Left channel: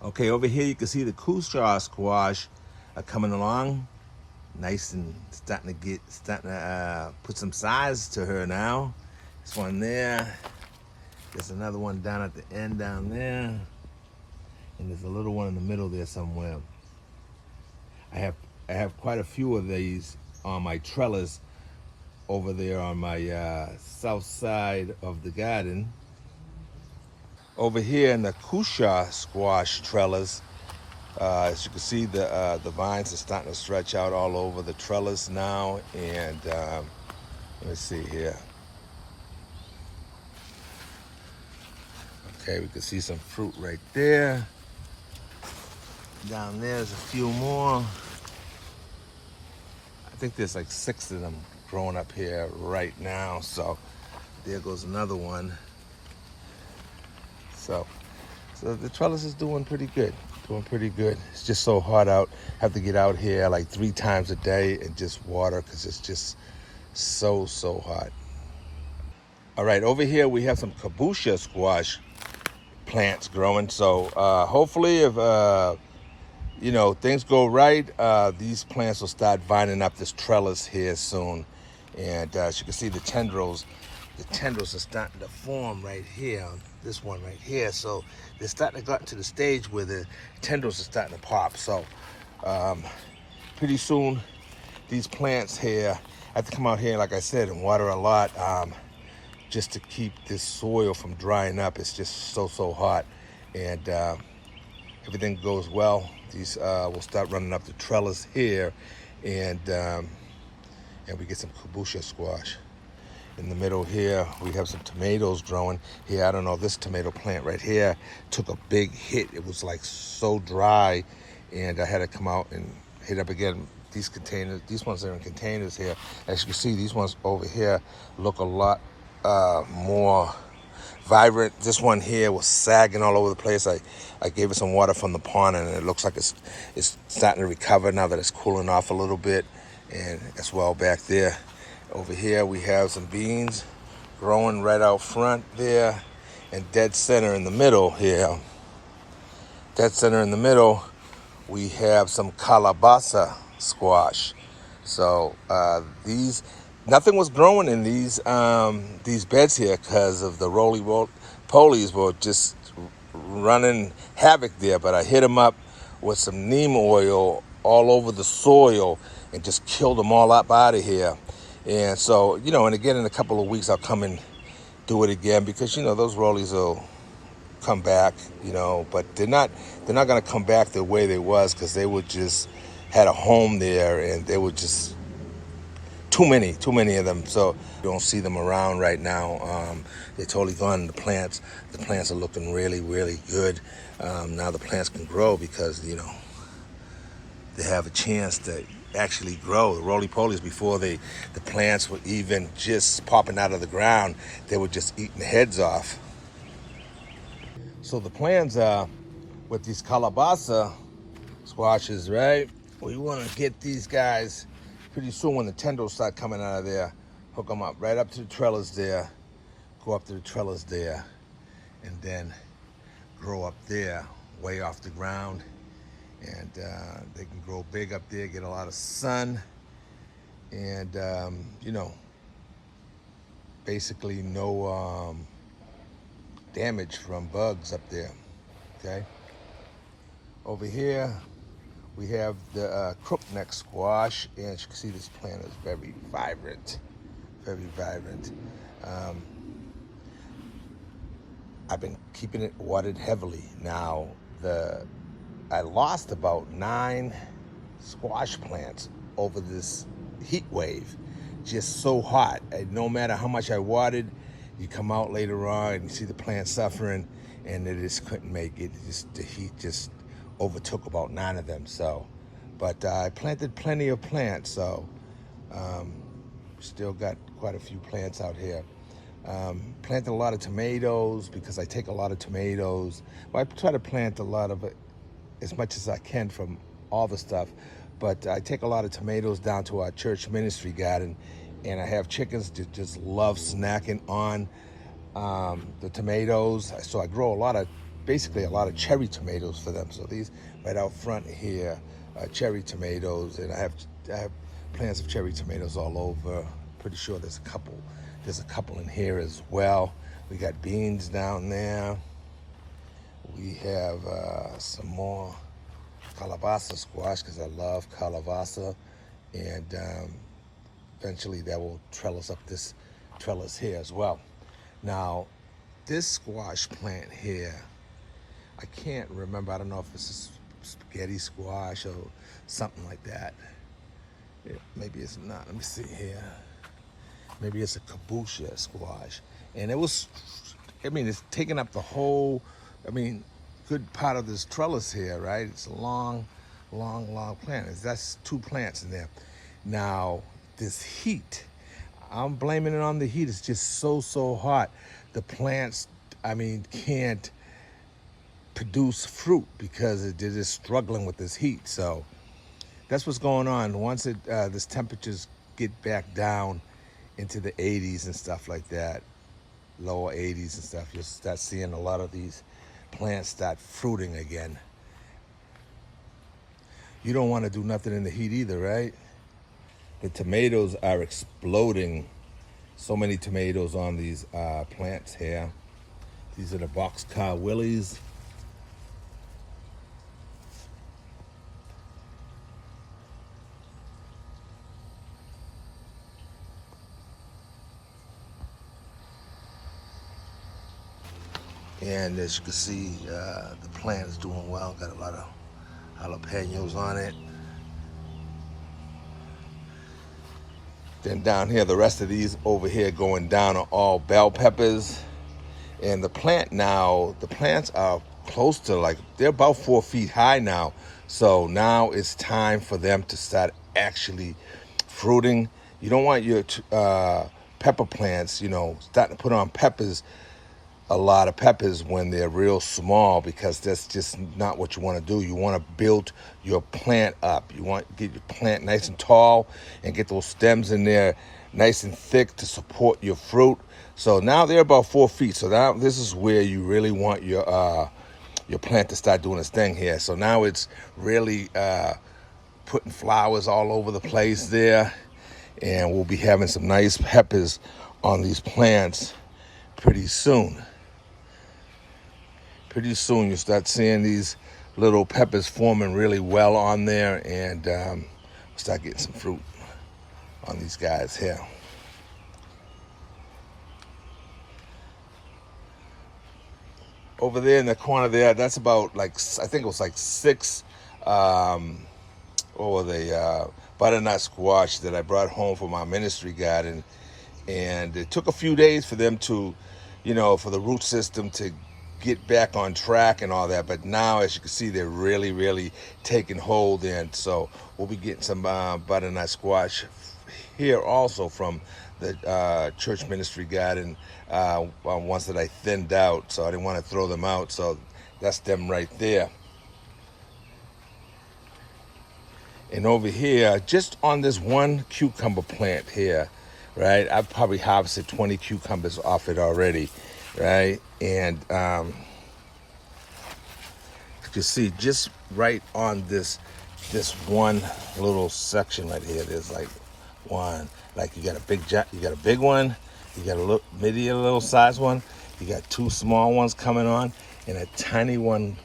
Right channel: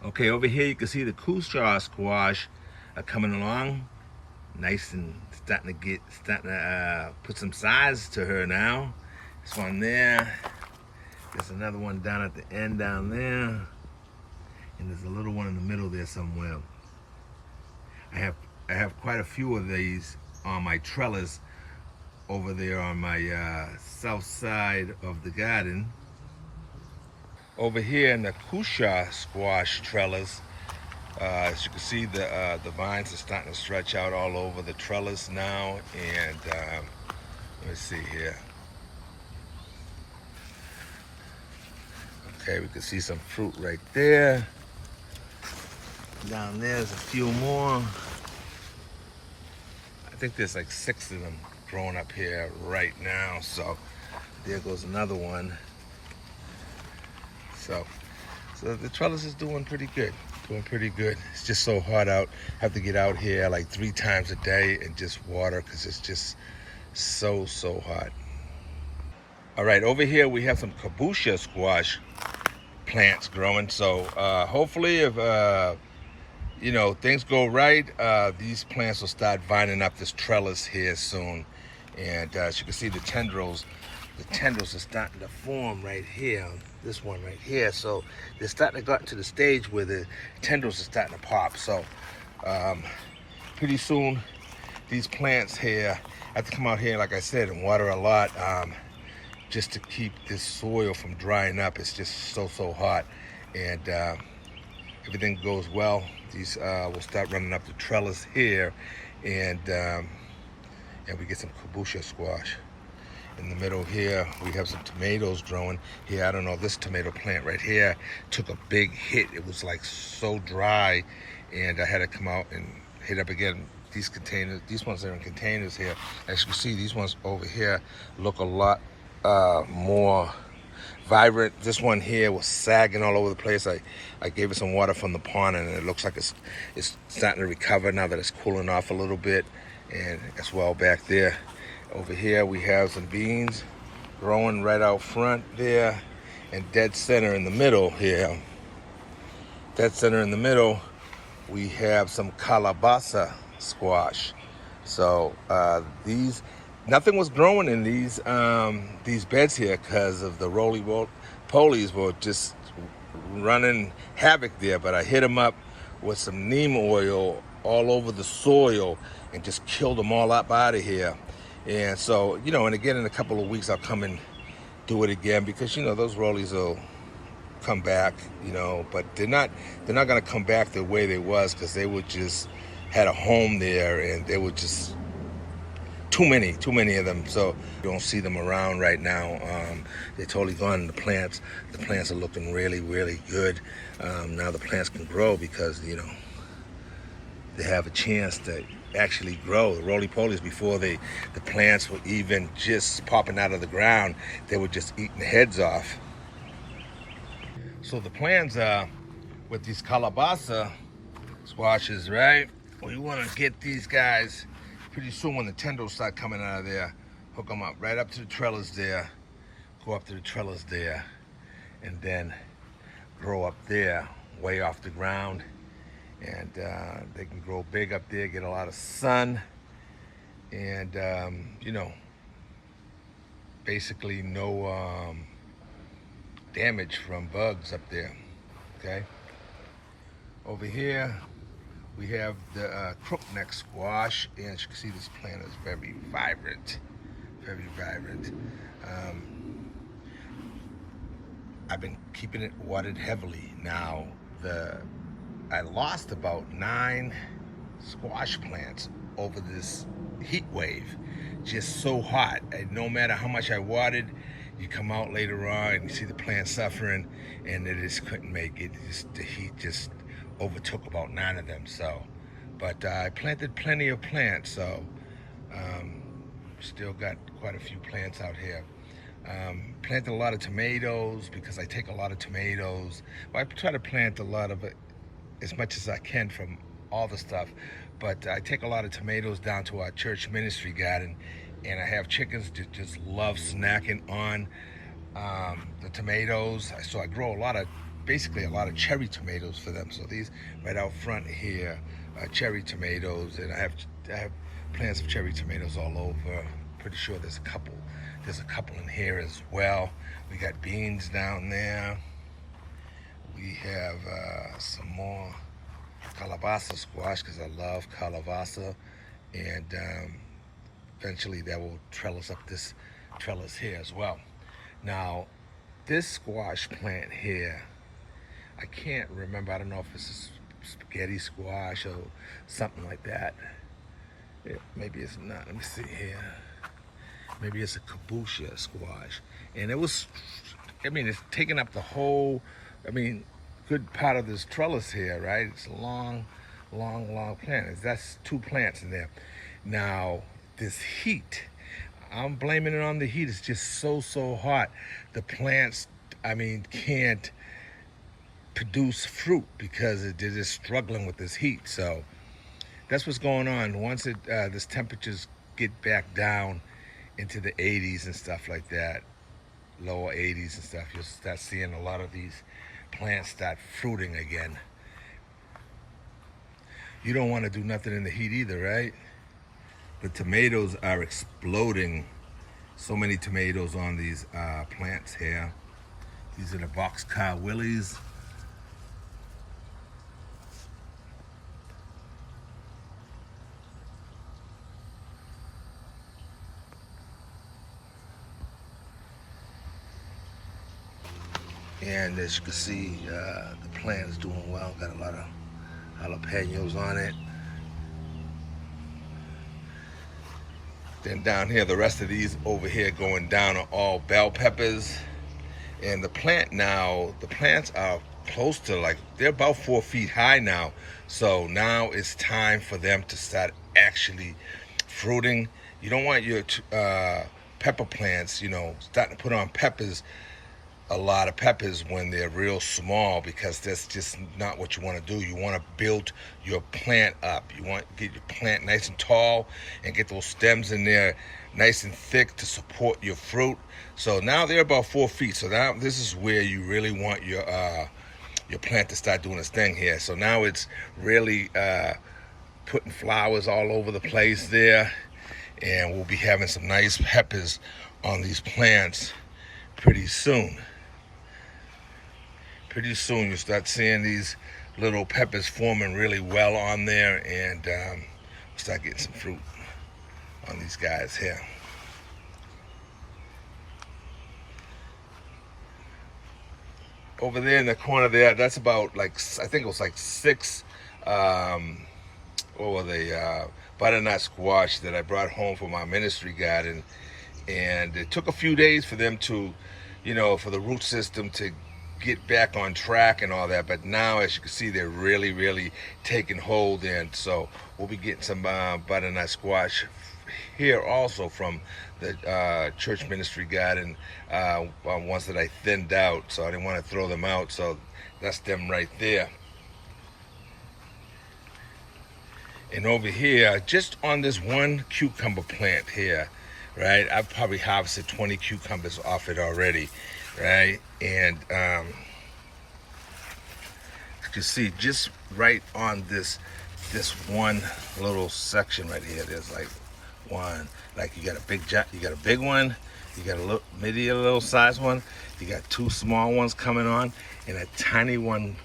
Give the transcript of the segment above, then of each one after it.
Okay, over here you can see the Kusha squash coming along, nice and starting to put some size to her now. This one there. There's another one down at the end down there, and there's a little one in the middle there somewhere. I have quite a few of these on my trellis over there on my south side of the garden. Over here in the Kusha squash trellis, as you can see, the vines are starting to stretch out all over the trellis now, and let me see here. Okay, we can see some fruit right there. Down there's a few more. I think there's like 6 of them growing up here right now. So there goes another one. So the trellis is doing pretty good. It's just so hot out. Have to get out here like 3 times a day and just water because it's just so hot. All right, over here we have some kaboosha squash plants growing. So hopefully if things go right, these plants will start vining up this trellis here soon. And as you can see, the tendrils are starting to form right here, this one right here. So they're starting to get to the stage where the tendrils are starting to pop. So pretty soon, these plants here, I have to come out here, like I said, and water a lot just to keep this soil from drying up. It's just so hot. And everything goes well, these will start running up the trellis here, and we get some kaboosha squash. In the middle here, we have some tomatoes growing here. I don't know, this tomato plant right here took a big hit. It was like so dry, and I had to come out and hit up again. These containers, these ones are in containers here. As you can see, these ones over here look a lot more vibrant. This one here was sagging all over the place. I gave it some water from the pond, and it looks like it's starting to recover now that it's cooling off a little bit, and as well back there. Over here we have some beans growing right out front there, and dead center in the middle here. Dead center in the middle, we have some calabaza squash. So nothing was growing in these beds here because of the roly-polies were just running havoc there. But I hit them up with some neem oil all over the soil and just killed them all up out of here. And so, and again in a couple of weeks I'll come and do it again because those rollies will come back, but they're not going to come back the way they was, because they would just had a home there, and they were just too many of them. So you don't see them around right now. They're totally gone. The plants are looking really good. Now the plants can grow because they have a chance to actually grow. The roly-polies, before the plants were even just popping out of the ground, they were just eating the heads off. So the plans are with these calabaza squashes, right? We want to get these guys pretty soon when the tendrils start coming out of there, hook them up right up to the trellis there, go up to the trellis there, and then grow up there, way off the ground. And they can grow big up there, get a lot of sun, and basically no damage from bugs up there. Okay. Over here we have the crookneck squash, and as you can see, this plant is very vibrant. I've been keeping it watered heavily. Now I lost about 9 squash plants over this heat wave. Just so hot. And no matter how much I watered, you come out later on and you see the plant suffering, and they just couldn't make it. The heat just overtook about 9 of them. So, but I planted plenty of plants, so still got quite a few plants out here. Planted a lot of tomatoes because I take a lot of tomatoes. Well, I try to plant a lot of it, as much as I can from all the stuff, but I take a lot of tomatoes down to our church ministry garden, and I have chickens that just love snacking on the tomatoes. So I grow a lot of basically a lot of cherry tomatoes for them. So these right out front here are cherry tomatoes, and I have plants of cherry tomatoes all over. Pretty sure there's a couple in here as well. We got beans down there. We have some more calabaza squash, because I love calabaza, and eventually that will trellis up this trellis here as well. Now, this squash plant here, I can't remember. I don't know if it's a spaghetti squash or something like that. Maybe it's not. Let me see here. Maybe it's a kabocha squash. And it was, I mean, it's taking up the whole, good part of this trellis here, right? It's a long plant. That's 2 plants in there. Now, this heat, I'm blaming it on the heat. It's just so hot. The plants, can't produce fruit because they're just struggling with this heat. So that's what's going on. Once this temperatures get back down into the 80s and stuff like that, lower 80s and stuff, you'll start seeing a lot of these plants start fruiting again. You don't want to do nothing in the heat either, right? The tomatoes are exploding. So many tomatoes on these plants here. These are the boxcar willies. And as you can see, the plant is doing well. Got a lot of jalapenos on it. Then down here, the rest of these over here going down are all bell peppers. And the plants are close to they're about 4 feet high now. So now it's time for them to start actually fruiting. You don't want your pepper plants, starting to put on a lot of peppers when they're real small, because that's just not what you want to do. You want to build your plant up. You want to get your plant nice and tall and get those stems in there nice and thick to support your fruit. So now they're about 4 feet. So now this is where you really want your plant to start doing its thing here. So now it's really putting flowers all over the place there, and we'll be having some nice peppers on these plants pretty soon. Pretty soon you'll start seeing these little peppers forming really well on there, and start getting some fruit on these guys here. Over there in the corner there, that's about I think it was 6 butternut squash that I brought home from my ministry garden. And it took a few days for them to, for the root system to get back on track and all that. But now, as you can see, they're really taking hold. And so we'll be getting some butternut squash here also from the church ministry garden, ones that I thinned out. So I didn't want to throw them out. So that's them right there. And over here, just on this one cucumber plant here, right? I've probably harvested 20 cucumbers off it already, right? And you can see just right on this one little section right here, there's one, you got a big one, you got a little size one, you got 2 small ones coming on, and a tiny one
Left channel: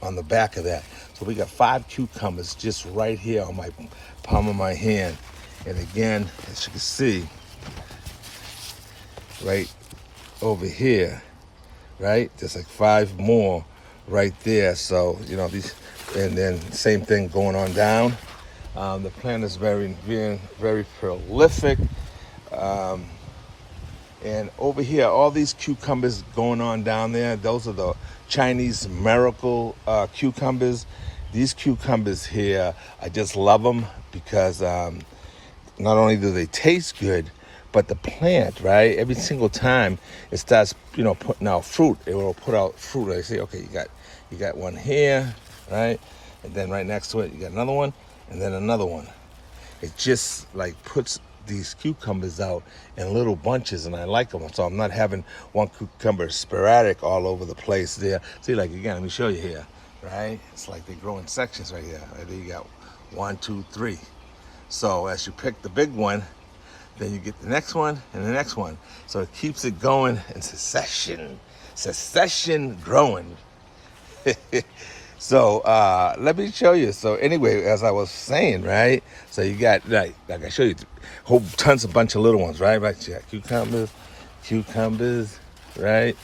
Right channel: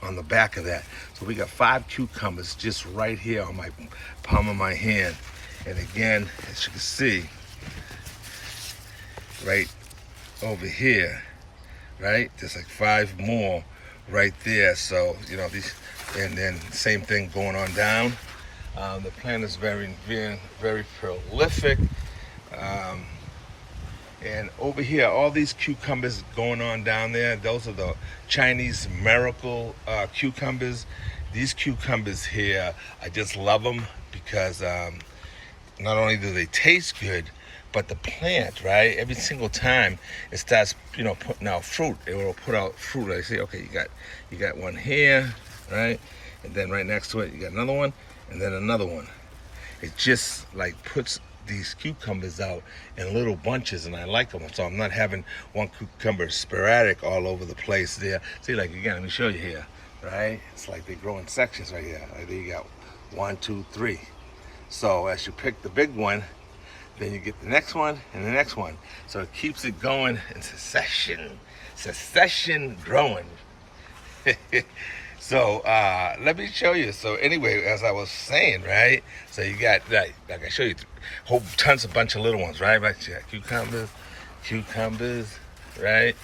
on the back of that. So we got 5 cucumbers just right here on my palm of my hand. And again, as you can see, right over here, right? There's 5 more right there. So, these, and then same thing going on down. The plant is very prolific. And over here, all these cucumbers going on down there, those are the Chinese miracle cucumbers. These cucumbers here, I just love them because not only do they taste good, but the plant, right? Every single time it starts, putting out fruit, it will put out fruit. I say, okay, you got one here, right? And then right next to it, you got another one, and then another one. It just puts these cucumbers out in little bunches, and I like them. So I'm not having one cucumber sporadic all over the place there. See, like again, let me show you here, right? It's like they grow in sections right here. There you got 1, 2, 3. So as you pick the big one, then you get the next one and the next one. So it keeps it going in succession growing. So let me show you. So anyway, as I was saying, right? So you got, like I show you, whole tons of bunch of little ones, right? Right, you got cucumbers, right?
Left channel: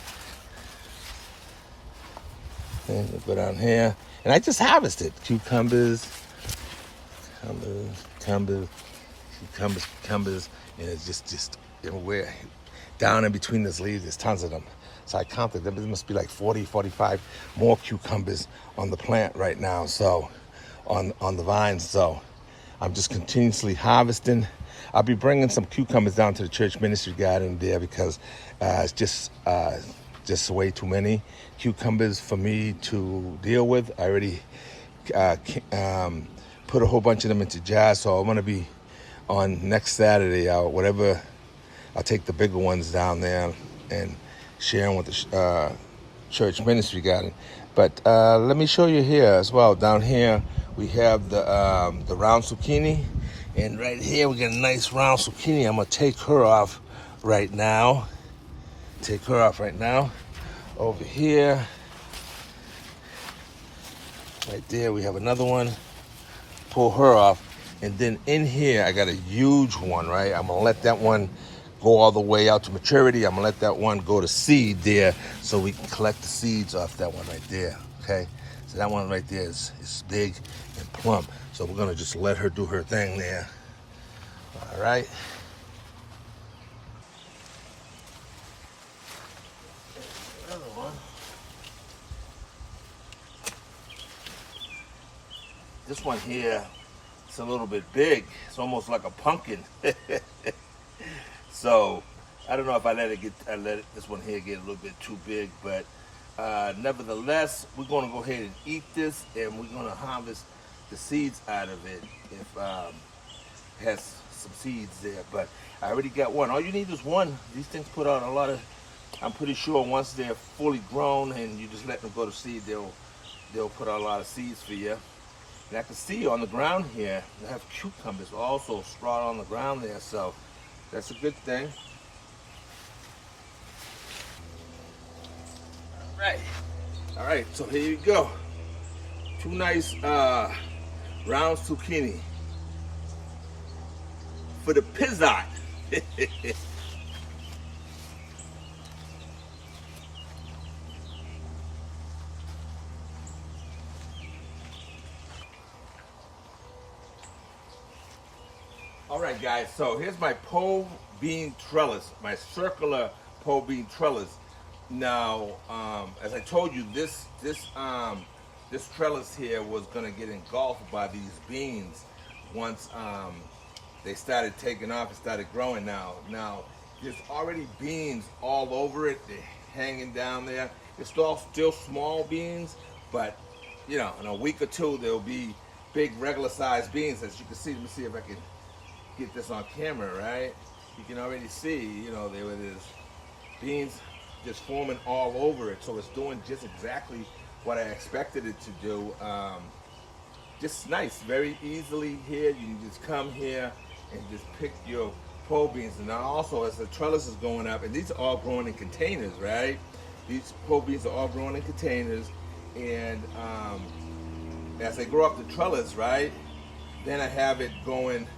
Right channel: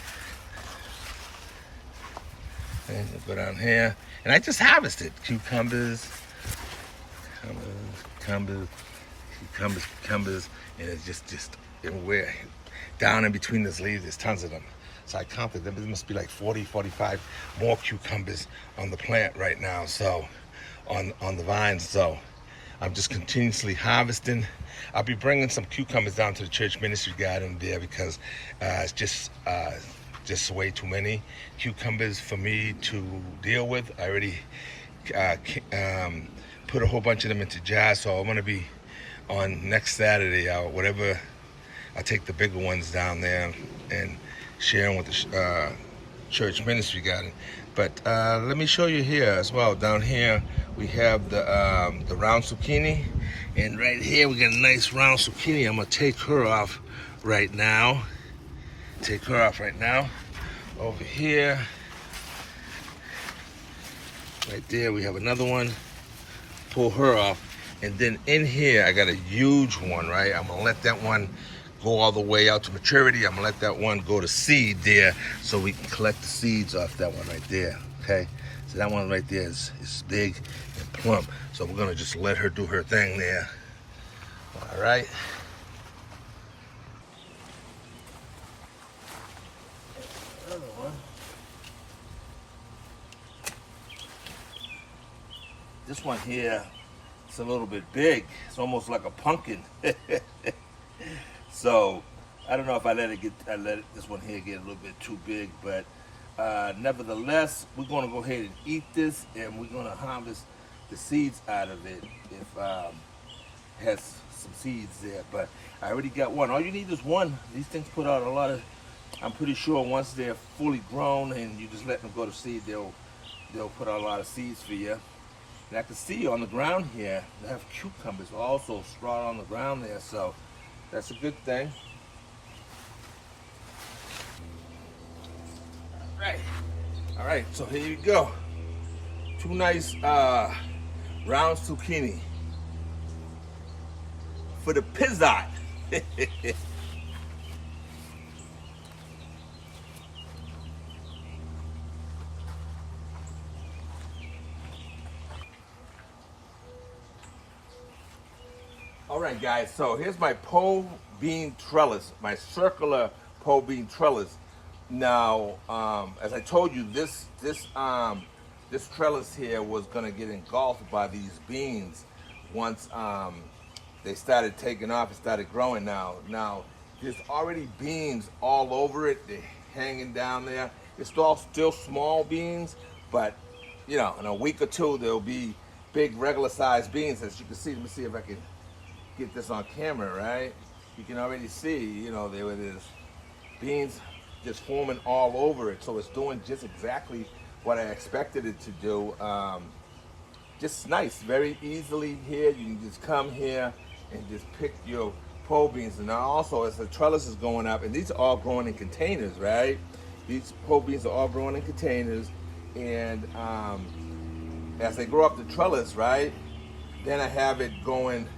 And you go down here, and I just harvested cucumbers, and it's just everywhere. Down in between these leaves, there's tons of them. So I counted them. There must be like 40, 45 more cucumbers on the plant right now. So on the vines. So I'm just continuously harvesting. I'll be bringing some cucumbers down to the church ministry garden there because it's just way too many cucumbers for me to deal with. I already put a whole bunch of them into jars. So I'm gonna be on next Saturday or whatever. I'll take the bigger ones down there and share them with the church ministry garden. But let me show you here as well. Down here we have the round zucchini, and right here we got a nice round zucchini. I'm gonna take her off right now. Over here, right there, we have another one. Pull her off, and then in here I got a huge one, right? I'm gonna let that one go all the way out to maturity. I'm gonna let that one go to seed there so we can collect the seeds off that one right there, okay? So that one right there is big and plump. So we're gonna just let her do her thing there, all right? Another one. This one here, it's a little bit big. It's almost like a pumpkin. So I don't know if I let this one here get a little bit too big, but nevertheless, we're gonna go ahead and eat this, and we're gonna harvest the seeds out of it if it has some seeds there. But I already got one. All you need is one. These things put out a lot of, I'm pretty sure once they're fully grown and you just let them go to seed, they'll put out a lot of seeds for you. And I can see on the ground here, they have cucumbers also sprouted on the ground there, so that's a good thing. All right, so here you go. 2 nice round zucchini for the pizza. All right, guys, so here's my pole bean trellis, my circular pole bean trellis. Now, as I told you, this trellis here was gonna get engulfed by these beans once they started taking off and started growing now. Now, there's already beans all over it. They're hanging down there. It's all still small beans, but you know, in a week or two, there'll be big regular sized beans. As you can see, let me see if I can get this on camera, right? You can already see, you know, there it is. Beans just forming all over it. So it's doing just exactly what I expected it to do. Just nice, very easily here. You can just come here and just pick your pole beans. And now also as the trellis is going up, and these are all growing in containers, right? These pole beans are all growing in containers. And as they grow up the trellis, right, then I have it going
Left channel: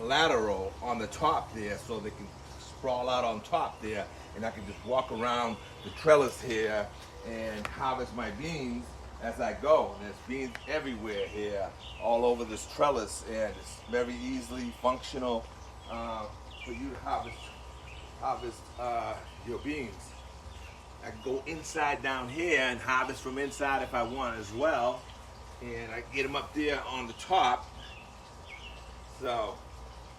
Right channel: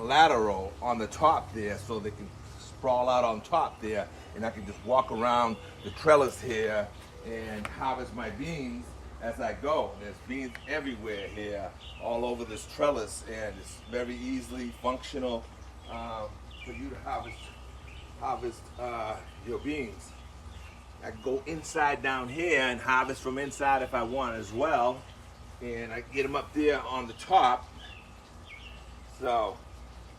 lateral on the top there so they can sprawl out on top there, and I can just walk around the trellis here and harvest my beans as I go. There's beans everywhere here, all over this trellis, and it's very easily functional for you to harvest your beans. I can go inside down here and harvest from inside if I want as well, and I can get them up there on the top. So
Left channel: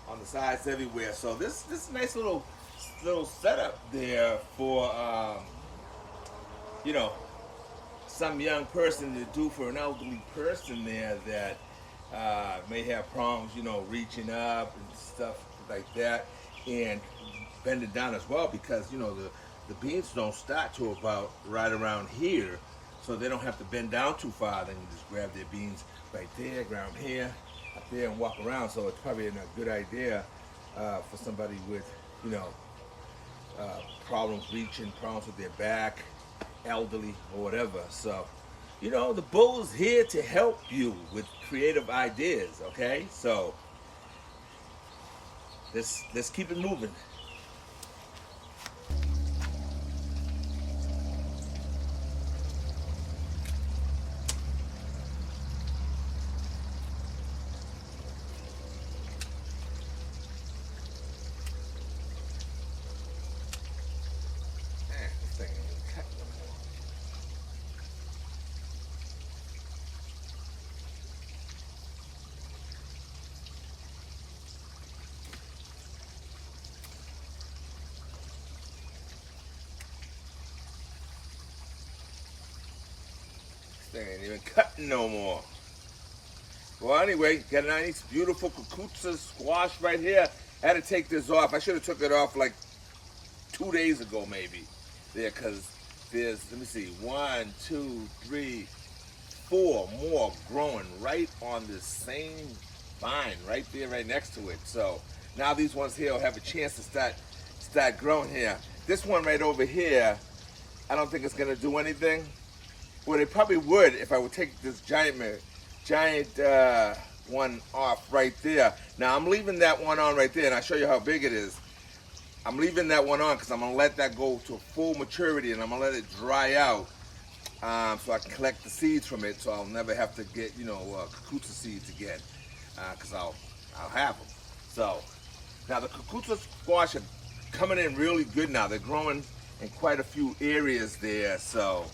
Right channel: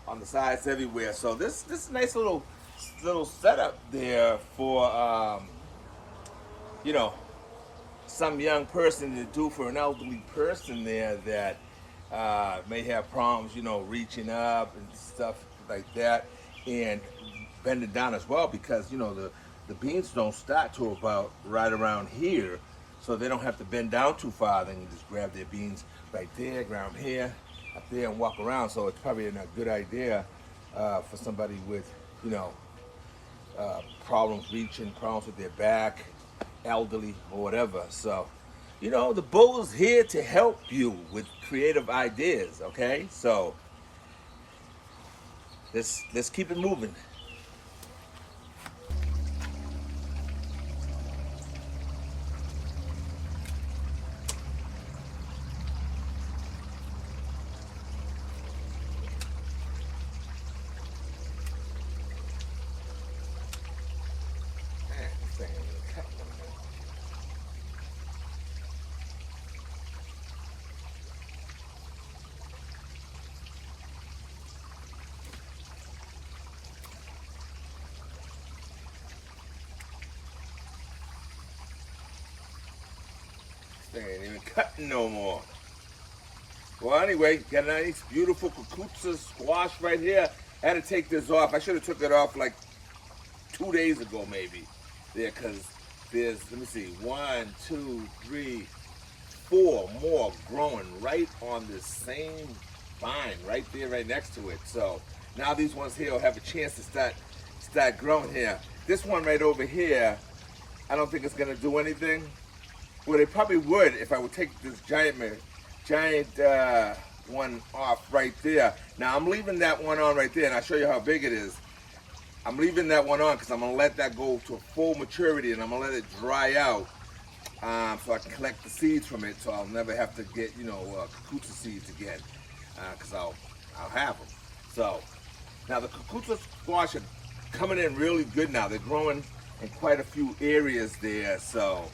on the sides everywhere. So this nice little setup there for you know, some young person to do for an elderly person there that may have problems, reaching up and stuff like that, and bending down as well, because the beans don't start to about right around here, so they don't have to bend down too far. They can just grab their beans right there, grab them here, up there, and walk around. So it's probably a good idea for somebody with problems reaching, problems with their back, elderly or whatever. So the bull is here to help you with creative ideas. Okay, so let's keep it moving. Thing ain't even cutting no more. Well, anyway, got a nice, beautiful cucuzza squash right here. I had to take this off. I should have took it off like 2 days ago, maybe. There, because there's, let me see, 1, 2, 3, 4 more growing right on the same vine, right there, right next to it. So now these ones here will have a chance to start growing here. This one right over here, I don't think it's gonna do anything. Well, they probably would if I would take this giant one off right there. Now I'm leaving that one on right there, and I'll show you how big it is. I'm leaving that one on because I'm gonna let that go to full maturity, and I'm gonna let it dry out so I can collect the seeds from it, so I'll never have to get cucuzza seeds again, because I'll have them. So now the cucuzza squash are coming in really good now. They're growing in quite a few areas there, so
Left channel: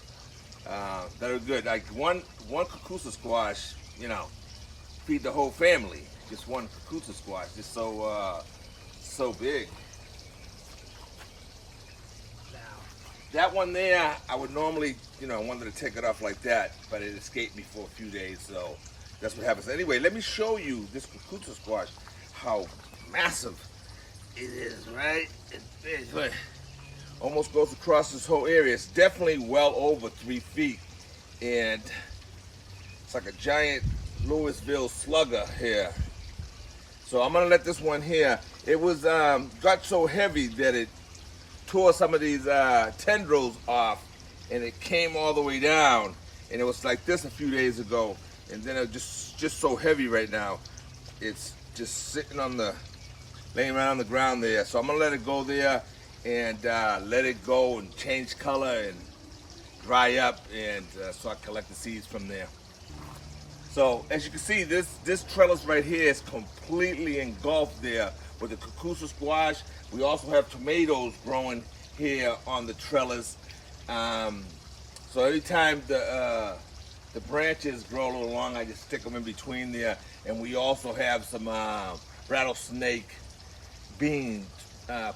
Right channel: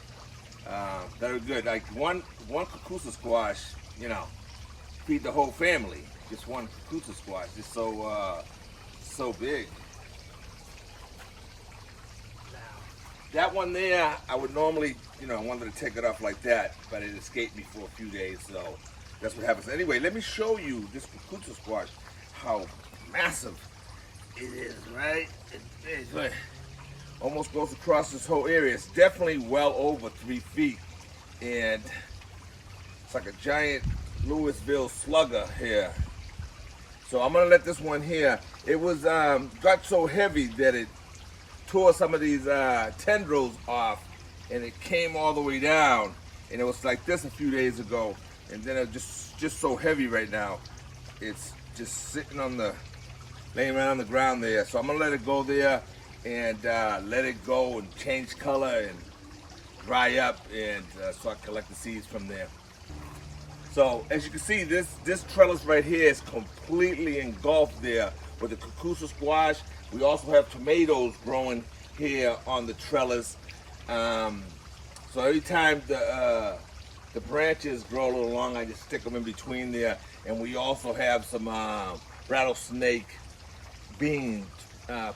that are good. Like one cucuzza squash, feed the whole family. Just one cucuzza squash, just so big. That one there, I would normally, I wanted to take it off like that, but it escaped me for a few days, so that's what happens. Anyway, let me show you this cucuzza squash, how massive it is, right? It almost goes across this whole area. It's definitely well over 3 feet, and it's like a giant Louisville slugger here. So I'm gonna let this one here. It was got so heavy that it tore some of these tendrils off, and it came all the way down, and it was like this a few days ago, and then it just so heavy right now. It's just sitting laying around on the ground there. So I'm gonna let it go there and let it go and change color and dry up, and so I collect the seeds from there. So as you can see, this trellis right here is completely engulfed there with the cucuzza squash. We also have tomatoes growing here on the trellis. So every time the branches grow a little long, I just stick them in between there. And we also have some rattlesnake beans,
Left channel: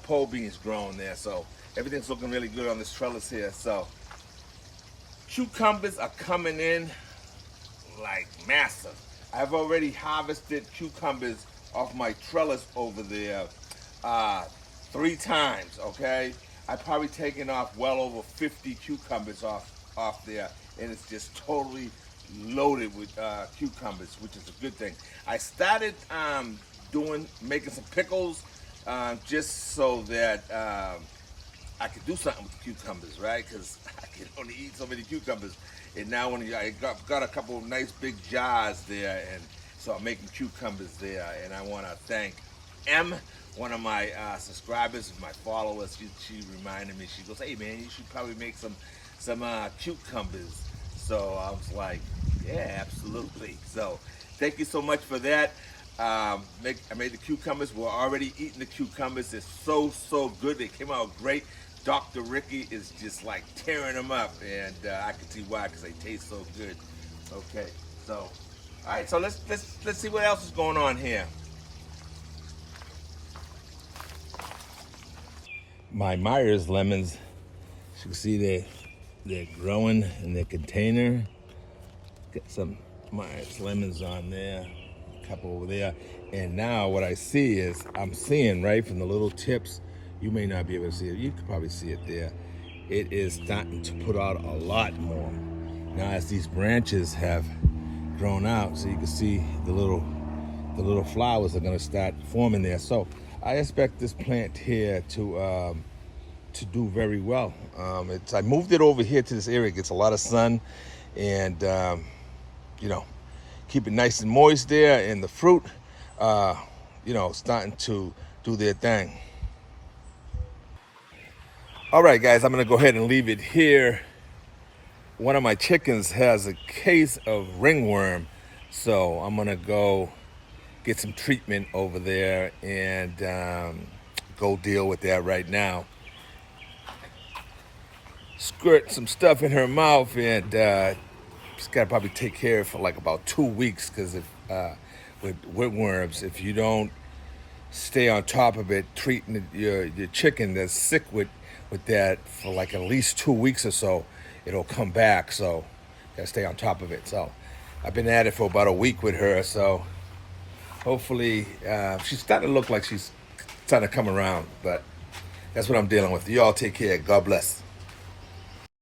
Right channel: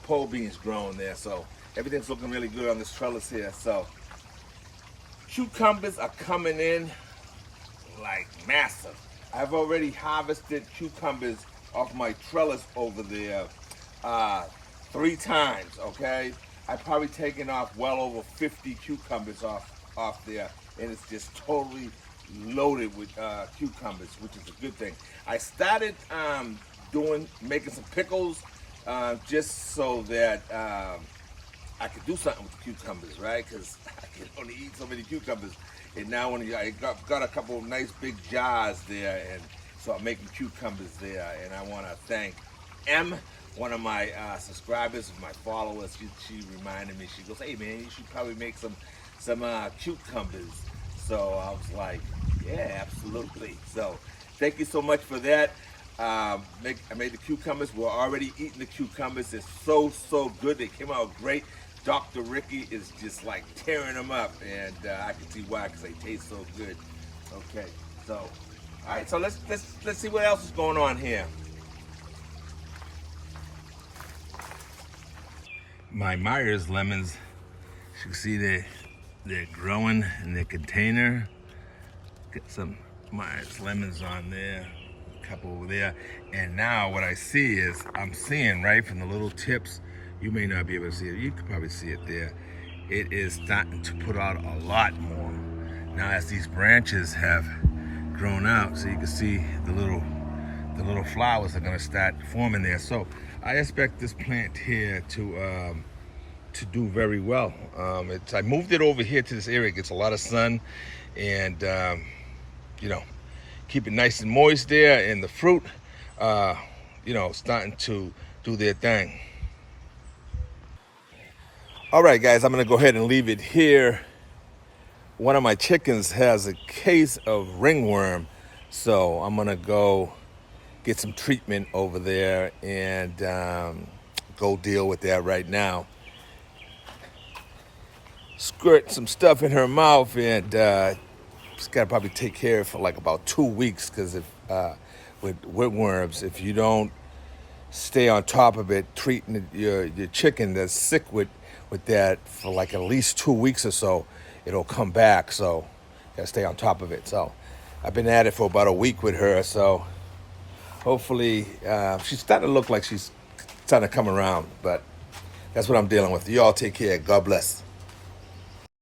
pole beans growing there. So everything's looking really good on this trellis here. So cucumbers are coming in like massive. I've already harvested cucumbers off my trellis over there 3 times, okay? I've probably taken off well over 50 cucumbers off there, and it's just totally loaded with cucumbers, which is a good thing. I started making some pickles just so that I could do something with the cucumbers, right? Because I can only eat so many cucumbers. And now when I got a couple of nice big jars there, and so I'm making cucumbers there. And I want to thank M, one of my subscribers, my followers. She reminded me. She goes, "Hey man, you should probably make some cucumbers." So I was like, "Yeah, absolutely." So thank you so much for that. I made the cucumbers. We're already eating the cucumbers. They're so good. They came out great. Dr. Ricky is just like tearing them up, and I can see why, because they taste so good. Okay, so all right, so let's see what else is going on here. My Myers lemons, as you can see, they're growing in their container. Got some Myers lemons on there. couple over there. And now what I see is, I'm seeing right from the little tips, you may not be able to see it, you could probably see it there. It is starting to put out a lot more. Now as these branches have grown out, so you can see the little flowers are gonna start forming there. So I expect this plant here to do very well. I moved it over here to this area. It gets a lot of sun, and you know, keep it nice and moist there, and the fruit, you know, starting to do their thing. All right, guys, I'm gonna go ahead and leave it here. One of my chickens has a case of ringworm, so I'm gonna go get some treatment over there and go deal with that right now. Squirt some stuff in her mouth, and just gotta probably take care of it for like about 2 weeks, because if with worms, if you don't stay on top of it, treating your chicken that's sick with that for like at least 2 weeks or so, it'll come back. So you gotta stay on top of it. So I've been at it for about a week with her, so hopefully she's starting to look like she's starting to come around, but that's what I'm dealing with. You all take care. God bless.